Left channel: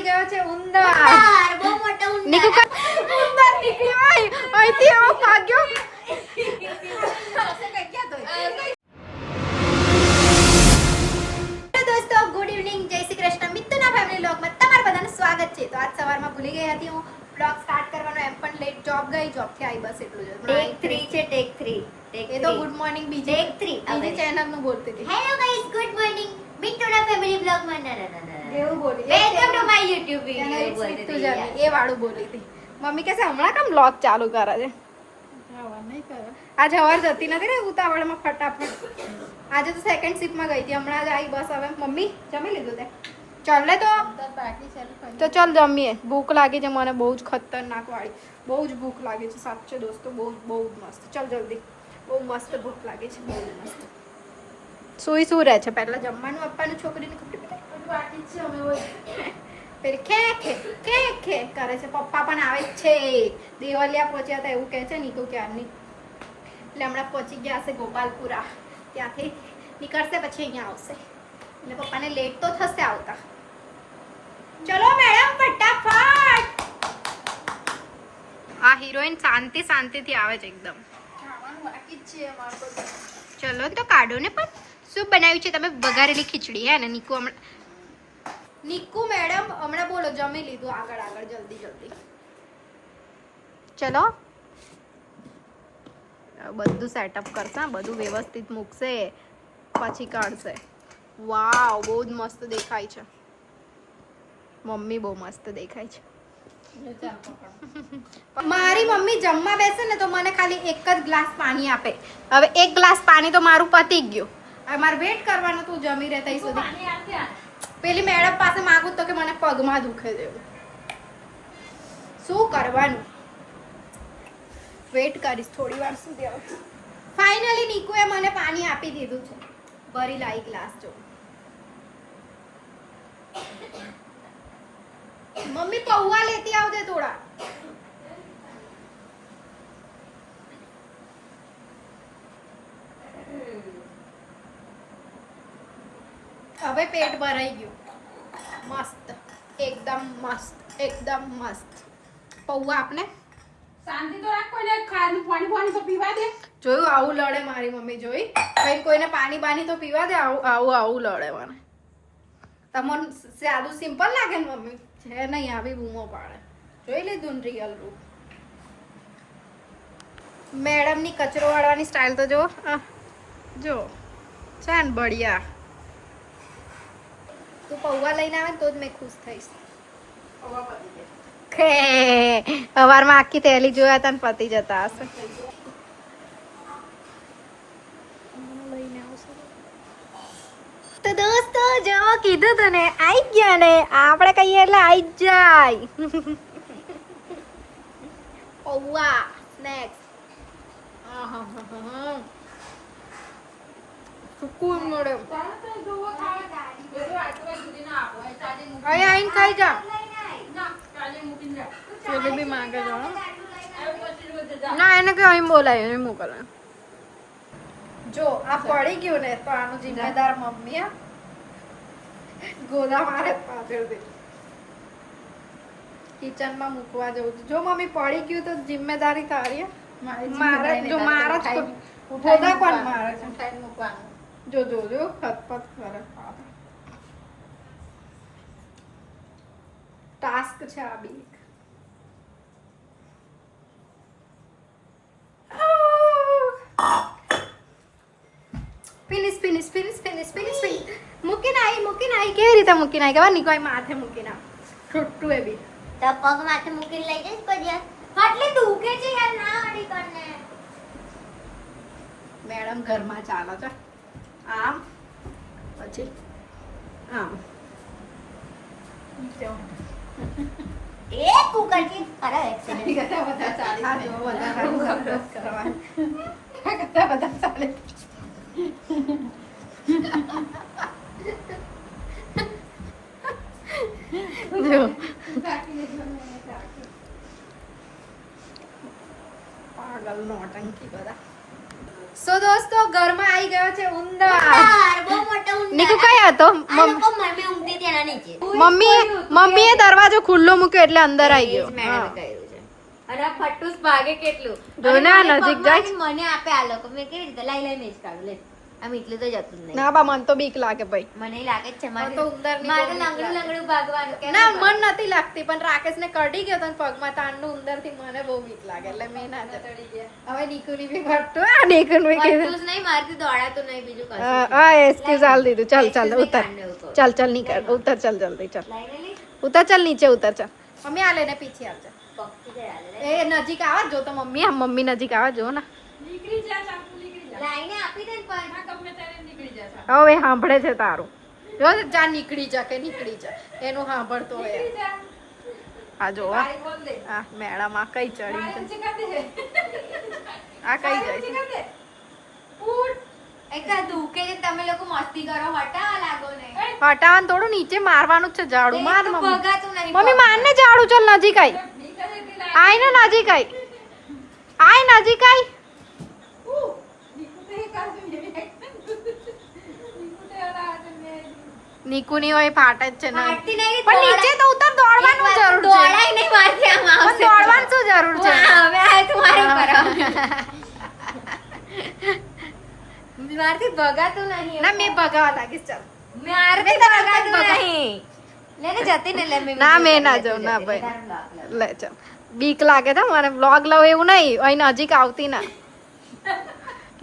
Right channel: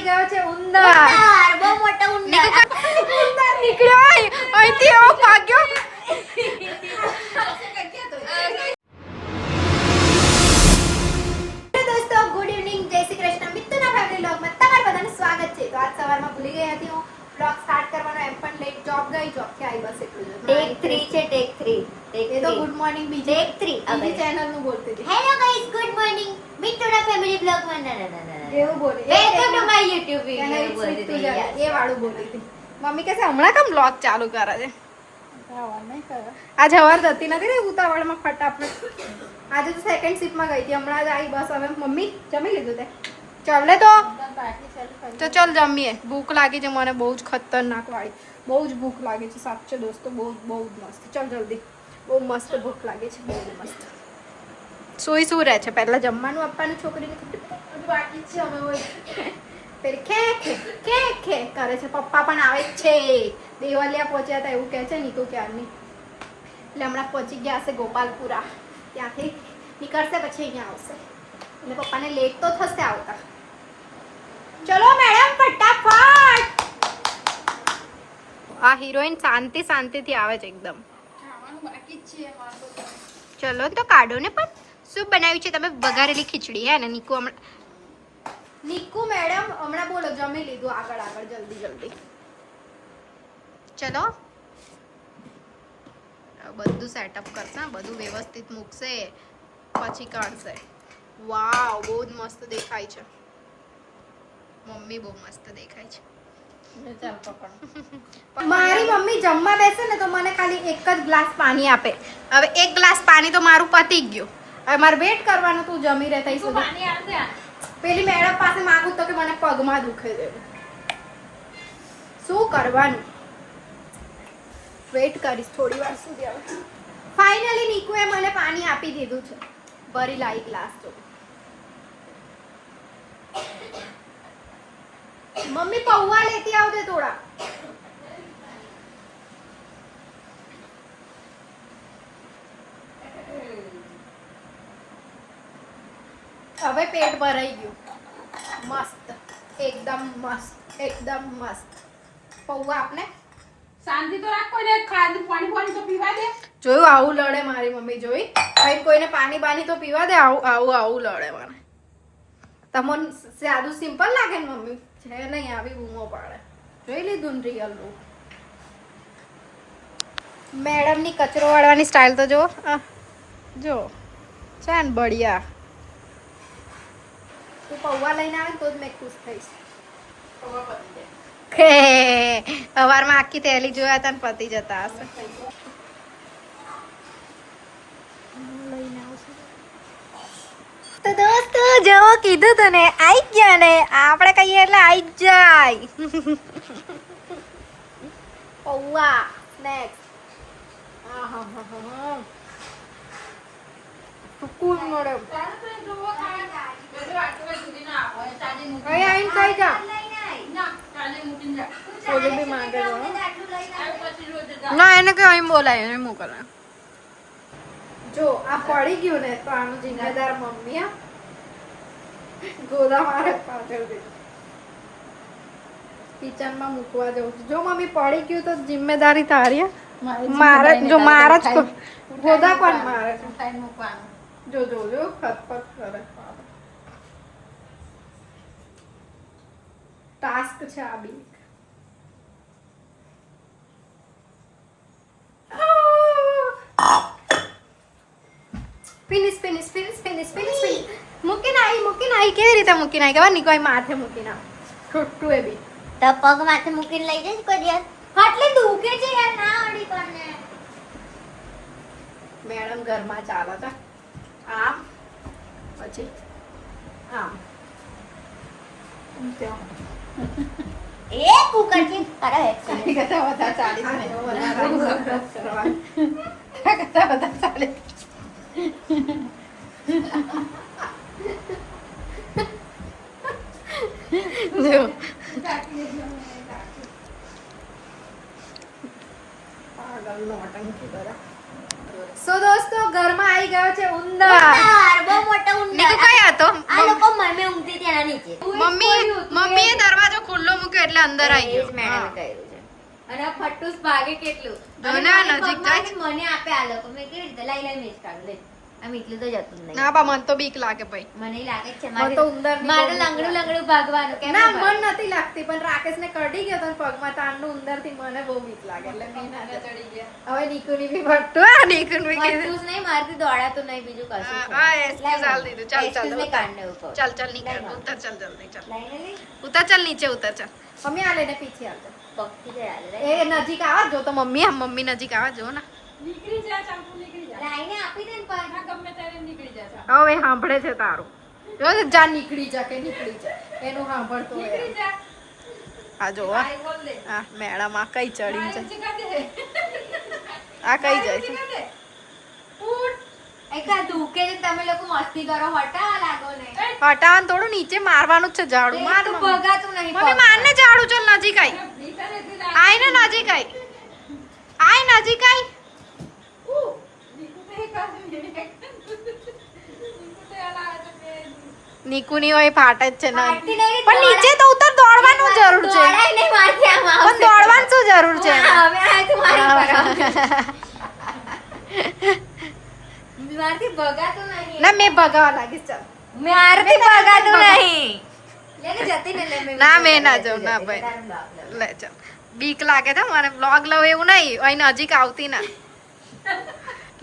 આવી ગયો છે ઉંદર. બહુ મોટો ઉંદર. ઉંદર નીકળ્યો અહીંથી એવો ભાગ્યો. દોસ્તો ગુડ ઇવનિંગ, જય શ્રી કૃષ્ણ. મિત્તુના ફેમિલી વ્લોગમાં તમારું બધાનું સ્વાગત છે. તો આજ સવારમાં ભૂલી ગઈ હતી હું વ્લોગ સ્ટાર્ટ કરવાનો, એમ પણ લેટ જોબ ગઈ, જોબથી આવી બસ એટલું જ. ટેક 3 છે, ટેક 3. એ તો ગુડ મોર્નિંગ બીજી ટેક 3. બીજી ચેનલ નું બોલતી હતી. Hello guys, good morning. મિત્તુના ફેમિલી વ્લોગમાં એવું બોલી. વેલકમ ટુ માય યુટ્યુબ એને વિડિયો. મિત્તુ જાને એ વાળું બોલી હતી. મમ્મી કહે છે હમણાં કેમ વ્લોગ ચાલુ કરે છે? આજે હવાર જતી નથી ને ઉતાવળમાં ફટાફટ. આજે તો સેકન્ડ શિફ્ટમાં ગઈ હતી, હમણાં જ આવી બસ. હવે મમ્મી જમી લીધું તે? ચાલ લે તો ચાલ જમીએ. ભૂખ લાગી છે મને બહુ જ ખતરનાક વાળી. બહુ જ ભૂખ લાગી છે સાચે દોસ્તો, બહુ જ મસ્ત. ચાલ જલ્દી, બહુ મસ્ત ભૂખ લાગી છે, બહુ જ મસ્ત. સુઈ શું રહે છે? પહેલા જમવાનું આપવાનું છોકરીને બાકી છે. અમે પેલી ખે ખે ખે ખે કરે છે. પપ્પા પણ આવે જ છે. દેવલિયા પહોંચ્યા હતા એવું કહે છે નીકુ ક્યારની. એટલે હમણાં પહોંચી ગયા હશે ગોપાલપુરા. ત્યાંથી નીકળશે પછી અહીંયા આવશે. એટલે પપ્પાને લેટ તો થશે આવતા. ચલો મેડમ ફટાફટ. આ હિરોઈન શાંતિથી આવે છે એકદમ. બાકી જ છે અમારું. ચલો તો કાઢો ને. પણ શું બનાવ્યું છે તમે? વઘારેલી ખીચડી હે ને? નીકુ મેડમ હમણાં બોલો જમી લીધું. આગળ જલ્દી. ચલો બધું સેટઅપ કરશે, બધું વ્યવસ્થિત મૂકશે પછી કાઢશે. વાવ, બહુ જ મસ્ત દેખાય છે. મમ્મી બહુ મસ્ત દેખાય છે. મારી મમ્મી જમવા બેસે ને તો મને ખાલી એક જ ગ્લાસ પાણી આપે. હવે એક ગ્લાસ પાણી તો મારું પતી ગયું. હવે મારે વેટ કરવાનું. તું જમી રહે ત્યાં સુધી. પેલી મેડમ પાસે માંગુ તો કે મને પગમાં દુખે છે. શું કરવાનું? વેટ કરીશ થોડી વાર સુધી. હવે ફાઇનલી નીકુએ મને પાણી આપી દીધું છે. ભરી લાવી ગ્લાસ. જો મમ્મી પૌવા લેતી આવજે થોડા. હવે પેટ ભરાઈ ગયું. મસ્ત, એકદમ મસ્ત. પૌવા આપને શાંતિ તો રાખો ને. પાણી તો પીવા દે. જોયું આવું લડે મારી મમ્મી. જોઈ કઈ કોઈને પાણી તો પીવા દે. આવું લડે મને. તમને સાદું સિમ્પલ લાગે ને મમ્મી? છે નહીં આવી બૂમો પાડે. જોઈ લીધું ને રિયલ રૂપ. મેડમની કચરો વાળવાની સ્ટાઇલ તો જો છે ને બઢિયા. તું પૌવા લઈને આવે ને તો જ મેં ખુશ થઈશ. સવારમાં આખી થેલી જોયા હતા ને પતી જતા હશે. તો દોસ્તો જો કીધું તને આઈ ગયા ને. આપણે કહીએ એટલે આઈ જ જાય. પૌવા સ્નેક્સ. સુકૂન મળે. અહીંયા આવીને ખાઈ જા. પોલી બી માંગે છે ના, એને કે અહીં બોલાય એને મોકલાય. જો આ પડી ગયું ને તો આનું જિમ્મેદાર મમ્મી. ગોદા મારે પાછળથી કિચનમાં મૂકવા જવું છું. જો મમ્મી પડી ગયું તો જિમ્મેદારી તારી. મારે જો મારા જ ગોદા કોણ મારે છે? જો ખતપત કરે. ટાસ્ક છે આ બી. ફિનિશ. મૂકીને આવી. કેવી રીતે મૂકીને આવી? ખબર નહીં, કોઈ માથે મૂકીને આવે. છોટું એ બી તો પગ માથે મૂકીને લઈ જઈશ કોઈ યાર. ફાટલે દુખે છે યાર. ના અડી કરને. મેડમ ઘરમાં ચાલે છે આમ પછી આમ. એ કુકર થી અરે બધા ચાલે. પાગલ નોટંકી બધા. સો દોસ્તો ઘરમાં આવી ગયો છે ઉંદર. બહુ મોટો ઉંદર. નીકુ કઈ હતો? આ લોકો મમ્મી ઊંઘતી હતી એના નીચે. મમ્મીએ દરવાજો ખુલ્લો મૂક્યો એટલે અંદર આવી એ જ ગયો. મેડમે હા. કર્યું છે. અને આ ફટ્ટુસ ભાગે કેટલું. જો ને આ નજીક જાય. મને આપે આ લોકો. મેં કેવી રીતે લઈ મેં જ કાઢું લે. આમ એટલું તો જતું જ નહીં. ના બા મને તો બીક લાગે ભાઈ. મને લાગે છે મને તો ઉંદરની બહુ મારે બીક લંગડું લાગે. લંગડું ભાગવાનું કેમ ના ભાગવાનું? મન નથી લાગતી પણ રાકેશને કરડી ગયો તો ને પગમાં તાંડનું ઉંદર થી મને બહુ બીક લાગે એટલે મેં ના જતી. હવે નીકુની બી ફટતું આ નીકુનું બી કીધું. ફટ્ટુસ નહીં મારતી દોડાતું નહીં બીજું કશું છે. હા એસપી ચાલ દીધું. ચાલ ચાલ એક્સક્યુઝ ઉતાર. કાઢને ઉપર. ચાલ ચાલ નીકળ ઉતર ચાલ જલ્દી ચાલ. લઈને લે. ઉતર ચાલ નીચે ઉતર ચાલ. મમ્મી આ લઈને પીછી આવજે. તો કીધે લે. એ નજીક આવા જો તો મમ્મી આમ મમ્મી નજીક આવા જો ને. નીકળી જા ચાકુ નીકળી જા લાઈને આપી દે ને પણ. આ ગમે ત્યારે નીકળી જા ચાકુ. હવે સાંભળે છે તારું. જો જા નીકળી જા કે નીકળી જા એનું સાંભળતો હોય નીકળી જા આ જો આ મેળામાં કઈ ચડી છે આ કઈ જાય છે એકા દુખે છે તમે લોકો મસ્તી કરો હટાવા લાગો ને. હટાવાનું થોડું નીચે મારવાનું જ છે ઝાડુ માર એ તો મમ્મી ભગાતું નહીં. મમ્મી મારને ઝાડુ ચાલ નજીક આઈ આય ને નજીક આઈ આય નજીક આઈ નીકુની હોય ફાટે જ છે ને ફાટતી નહીં, પણ નીચે તો ઉતર દોડવાનું જરૂર છે દોડાય નહીં મારથી આમ પણ આવશે. દોડવાનું શું જરૂર છે હવે આ તમારી પર. મારથી ભગાતું નહીં. ના મેં ભગાવા લાગીશ ચાલ મારથી મેં તને ભગાતું ભગા- નહીં. લે ને જતી ને લે મેં ના, video મેં ના કરી જાઉં, જતી, ના જતી. ભાઈ. તારું block લઉં. લે ચાલ બીક લાગે છે મને વ્લોગ લવ એવું નહીં અહીં નજીક આવતી ના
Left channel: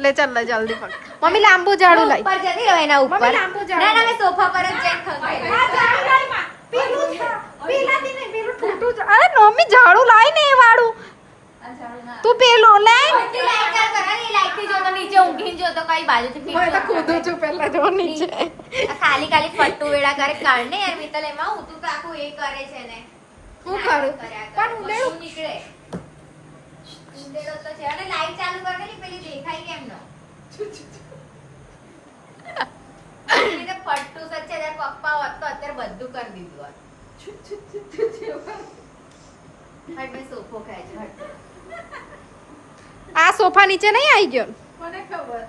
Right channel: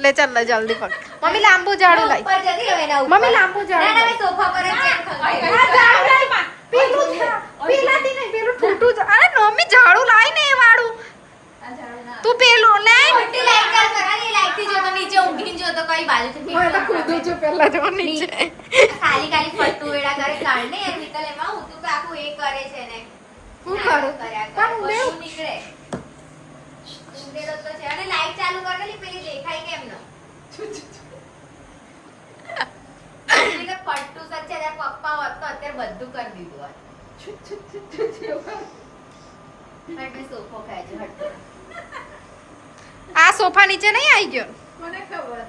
લે ચાલ લે જલ્દી પકડ મમ્મી લાંબુ ઝાડુ લાઈ ઉપર જતી રહો એના ઉપર. મમ્મી લાંબુ ઝાડુ ના, ના, લાઈ. મેં સોફા પર જ જઈને ખંગાઈ. આ ઝાડુ લાઈ. પેલું પેલાથી નહીં પેલું ઠૂઠું અરે મમ્મી ઝાડુ લાઈ ને એ વાળું તું પેલું લાઈ ખોટી લાઈટ ચાલ કરાવી, લાઈટથી જો તો નીચે ઊંઘીને જો તો કઈ બાજુથી હું તો ખુદું છું પહેલા જો નીચે આ ખાલી ખાલી ફટ્ટુ વેડા કરે કાઢને યાર મિત્તલ એમાં હું તો આખું એ કરે છે ને હું કરું કર્યા કરે. પણ ઉંદેડું કશું નીકળે ઉંદેડો તો છે અને લાઈટ ચાલુ કરેલી પેલી દેખાય કેમ નો એ તો ફટ્ટુ સચ્ચે તારા પપ્પા હોત તો અત્યારે બધું કરી દીધું હોત. હટ મેં સોફો ખાય છે હટ. આ સોફા નીચે નહીં આવી ગયો મને ખબર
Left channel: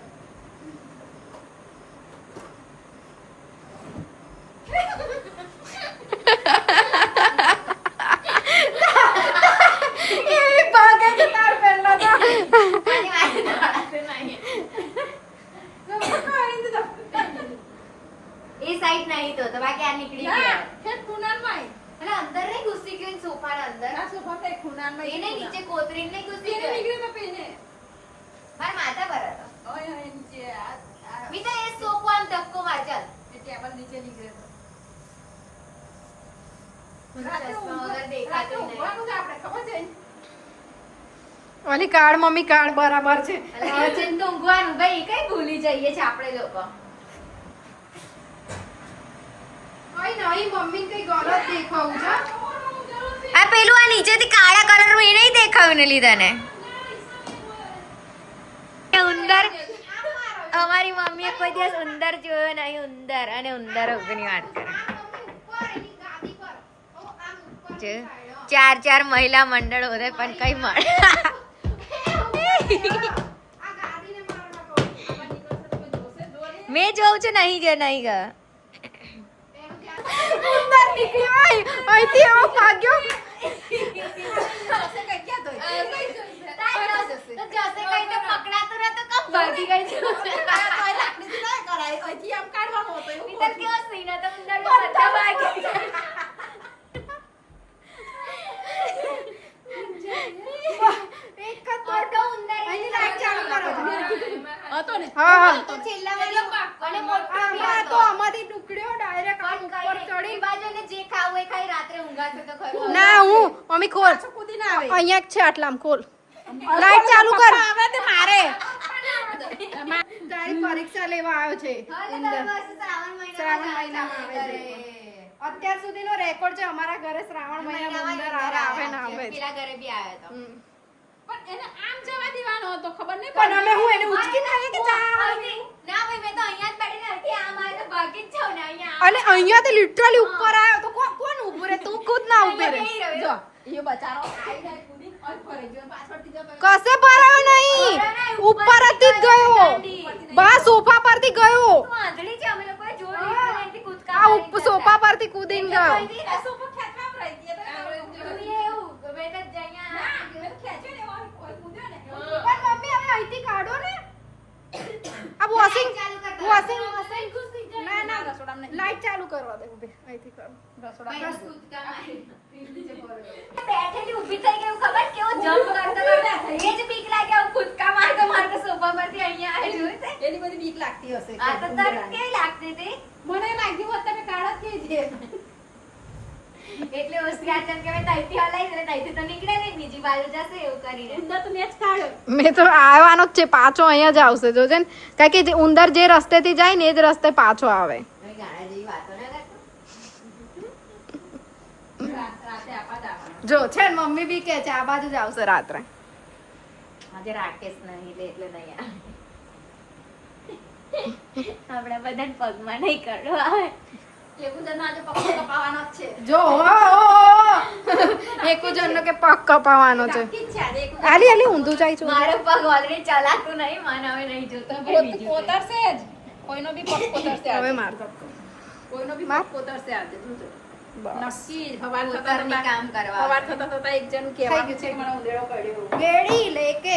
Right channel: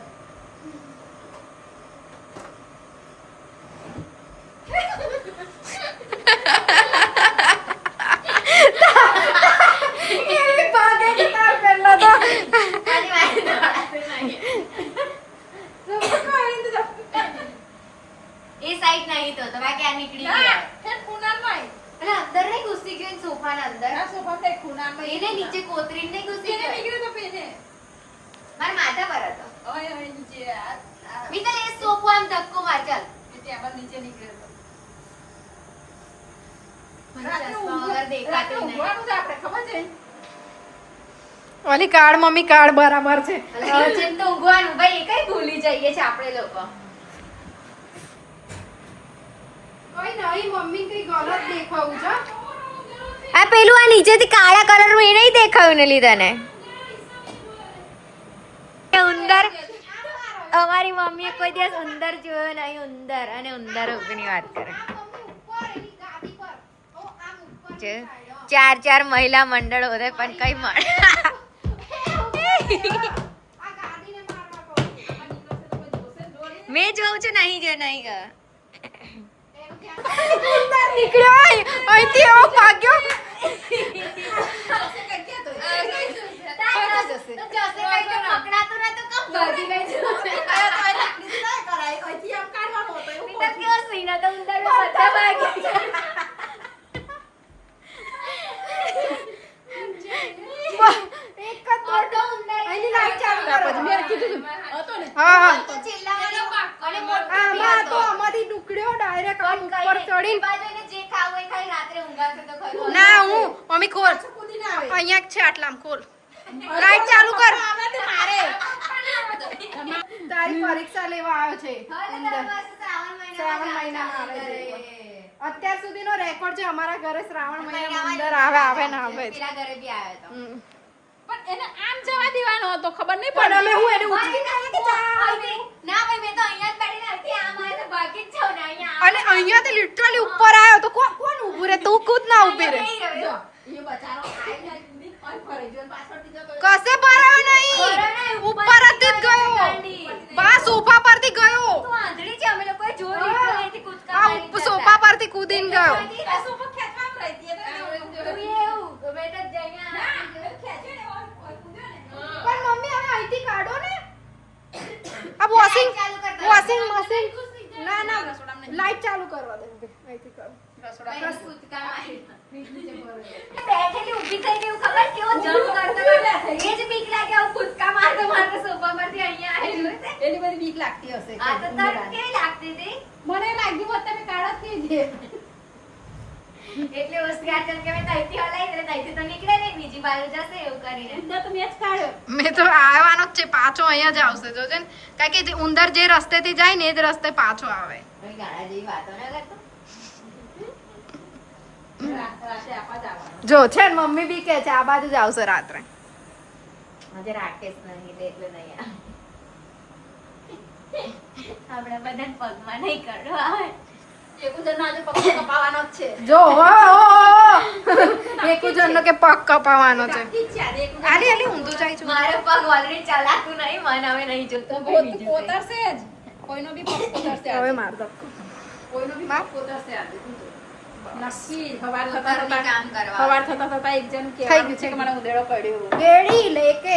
એ ભાગે છે તાર પહેલા તો મારી વાળી દોડાતું નહીં. એ સાઈડ નહીં તો બાકી આ નીકળી ના ગયા. તે ખૂણા પાય અને અંદર નહીં ઘૂસી ગઈ ને સોફાના અંદર. આ સોફા તે ખૂણા માં એને નીચે કોતરીને નહીં ઘૂસી એને ગઈ. નીકળ્યું તો પેને મારા માથા પર હતો. ઓય ઓય નીચે આ મિત્તલ એ સોફો આમ ધક્કો માર ચાલ. ટેબલ નીચે નીકળ્યો મને ચશ્મા વગર દેખાતું નહીં. ઊંઘવાનું જ આપણે ખબર છે ઓલી કાર્ડ મમ્મી કાર્ડ બરાબર છે અલા, ચિંતા ઊંઘવાનું ભાઈ એ કઈ ભૂલી જઈએ છે આપણે લોકો. ઓય નહીં મમ્મી કઈ ગલત દેખાવું છે આ પેલું આ નીચેથી કાળા કલરનું એ નહીં દેખાયું ને લીધા ને ઉંદર અમારી મમ્મીએ કોઈ દિવસ ઉંદર જોયો નહીં ઉંદર અને ઉંદર ની વાત કરે છે. ચાર ચાર મહિલા મંડળ હોતે પણ કઈ મળે મેં જોઉં છું નહીં ગયો નહીં ગયો. ઉંદર નીકળ્યો અહીંથી એવો ભાગ્યો પકડાતું રહે તો કમ ભાગી ગઈ છે. અહીંથી આમ કાઢવાનો હતો એવું તો કેવો સીન હતો ઉંદર બધા ભાગી ગયા. એક જ મોટો ઉંદર અહીંની લાઈટ ચાલુ કરો છો. હતો ને હા હા તો છેલ્લામાં અને મોટો બી આમાં હતો. તો આમાંથી નીકળ્યો ડાયરેક્ટ આમ ઉપર ચડી એ બાજુને જે ખાવું એ ખાઈ રાત્રે ઊંઘાશે તો ખરું. ના હું મમ્મી ખોલ કૂદી ના આવે અહીંયા જ છે આટલામાં ખોલ લાઈટ ચાલુ કર આવે તો મારે તારી પરીક્ષા લેવા આવ્યો છે હવે તો ઉંદર. દર વર્ષે શ્રાવણ મહિનામાં આવે છે. અત્યાર સુધીનો રેકોર્ડ છે અમારા ઘરે શ્રાવણ મહિનામાં ઉંદર મહિનામાં આવે ને આવે જ. પેલા ઘરે બી આવ્યો હતો. હમ. પણ એને આમ જવા દેવાનો હતો ખબર નહીં પણ પડી અમે હું એને ઉચકીને આવીએ કે જા ના ભાઈ મેં તો અહીંયા જ બેઠી હતી આમ આવે તો ભાગી જ જાઉં ને અહીંયા અને અહીંયા તો લિટરલી ઉપર આવ્યો તો કોણ ઊભું રે તું ખુદ ના ઊભી રે જો એ બચારો આઈને કૂદી અને ફરી જો પાછળથી જતો કશે ભરાયો નહીં ઉપર જ ગયો કૂદીને ગયો આ સોફા ખેંચવામાં રહી હતી એટલે પણ મમ્મી હવે અહીંથી કાઢો ને આ વોશિંગ મશીન ના ના લાઈટ ચાલુ કરવા દે બે અહીંથી કરો બેઠેલી ઊભી થઈ ગઈ ખબર કેવો જમ્પ કરતો એ જ બીક લાગે આવું કૂદકા મારતો સોફા પરથી અહીંયા આવ્યો તે એની બધી બીક લાગતી હશે આ તો તને કેવી લાગતી હતી મને લાગ્યું હોત તમે કાઢત થી એટલે ઉસકે આચન કે મેં તઈથી હલાઈ એટલે તઈથી તો નીકળે નહીં બીજી બાજુ જશે એવું કરીને ઉંદર તો મેચ કાઢ્યો મેં તો આવવાનો જ છે પાછો અહીંયા જ આવશે જોજે ને કારણ કે જે ઉંદર જે રસ્તેથી જાય ને એ જ રસ્તે પાછો આવે કોઈ ગાળા જેવી વાતો ના કરતો રાતે આપા જવાનું જો છે ને મમ્મી બી કે છે આ બાજુ જ આવશે રાત્રે આજે રાકેશ નહીં એટલે નહીં આપણે બધાને પગમાં નહીં કરવા એકુજન આજે પક્ષી કપાવાનો જ છે જો એકુજનનો કે પગ કપાવાનો છે ઠીક છે આજે એકુજન આલી આલી ઊંધું જાય છે મારે પગ ઓલરેડી ચલાતું નહીં મન હવે નહીં જોતો પોતરશે જ કોઈનો બી પગ પોતરશે હવે માર દો કોઈનો બી માર. પગ પોતરશે આજે તું જો બસ. નક્કી હવાર થતા ઘરની કામ કરવા. હવાર થતા એક જણનું થઈ કહેવાનું ગયું, છે કે મને ઉંદેડો પડ્યો વેડી લેકે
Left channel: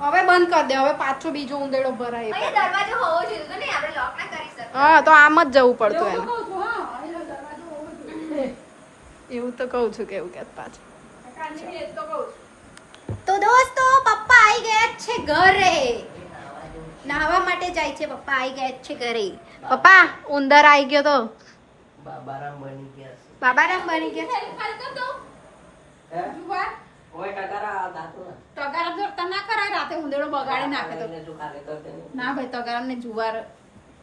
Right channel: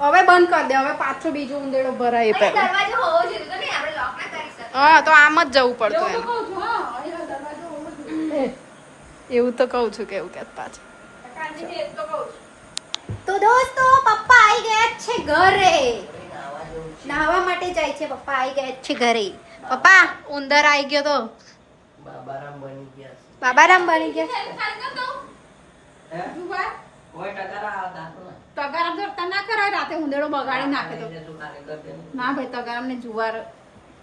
હવે બંધ કરી દે હવે પાછો બીજો ઉંદેડો ભરાય એ પહેલા દરવાજો હોવો જોઈએ તો નહીં આપણે લોક ના કરી શકીએ હા તો આમ જ જવું પડતું એવું એને કહું છું, હા, અહીંયા દરવાજો હોવો જોઈએ. એવું તો કહું છું કે એવું કે પાછું કાંજી બી એ જ તો કહું છું. તો દોસ્તો પપ્પા આવી ગયા છે ઘરે નાહવા માટે જાય છે પપ્પા આવી ગયા છે ઘરે પપ્પા ઉંદર આવી ગયો તો બાબારામ બની ગયા બાબારામ બની ગયા ખાલી કર દઉં. હે? જુવાર. કોઈ ટકારા આ દાખલો તગારામ જોડતા ના કરાય રાતે ઉંદેડો બગાડી નાખે તો એને તું ખાલી કર દે ને. ના ભાઈ તગારામ ને જુવાર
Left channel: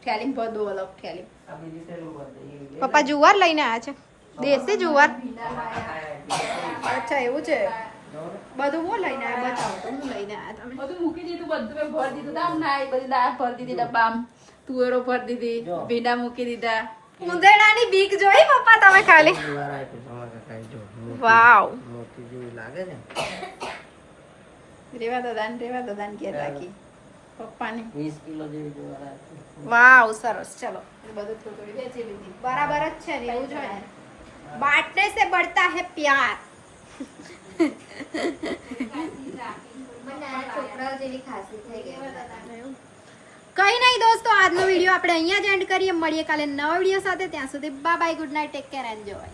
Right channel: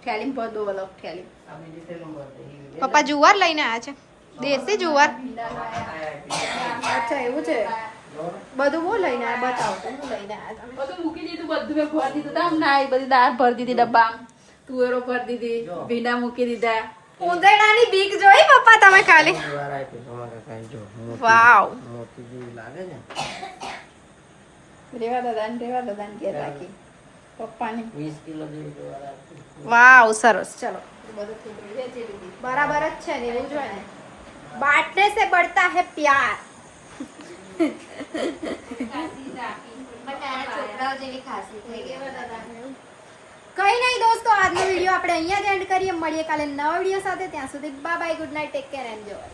ઠેલીમાં ભર દો અલગ ઠેલી આ બીજી પેલું કર દે. ઈ પપ્પા જુવાર લઈને આવ્યા છે દેશી જુવાર આ અચ્છા એવું છે બધું હું લઈને આવ્યા બતાવો તો હું લઈને આવ્યા તમે બધું મૂકી દીધું બધું મેં ભરી દીધું તામ ના એ બધી દાળ ભરી દીધી ડબ્બામાં તુવેરો ભરી દીધી ભીંડા મૂકી દીધા ઉંદરડાની બીક જોઈ પપ્પા તમે ખાલી જુવાર આપી તમારા કાંઈ જો મોટી- વાવ. મોટી જેવી લાગે છે રેવા દાદાને ઘેર રાખી પપ્પાને 20 કિલો જેવી જુવાર આપી વાવ સરસ ચલો બધું થોડું વેચી લીધી બરાબર જ છે ને એવું જ હોય ને બાંટને સે बढ़ता है प्यार પણ નાના છોકરાઓ જેવી ખાસી થઈ ગઈ કઈ નહીં દોસ્તો આજનો વિડીયો આપણે અહીંયા જ એન્ડ કરીએ મળીએ કાલે નવા વિડીયો સાથે ત્યાં સુધી bye bye good night take care enjoy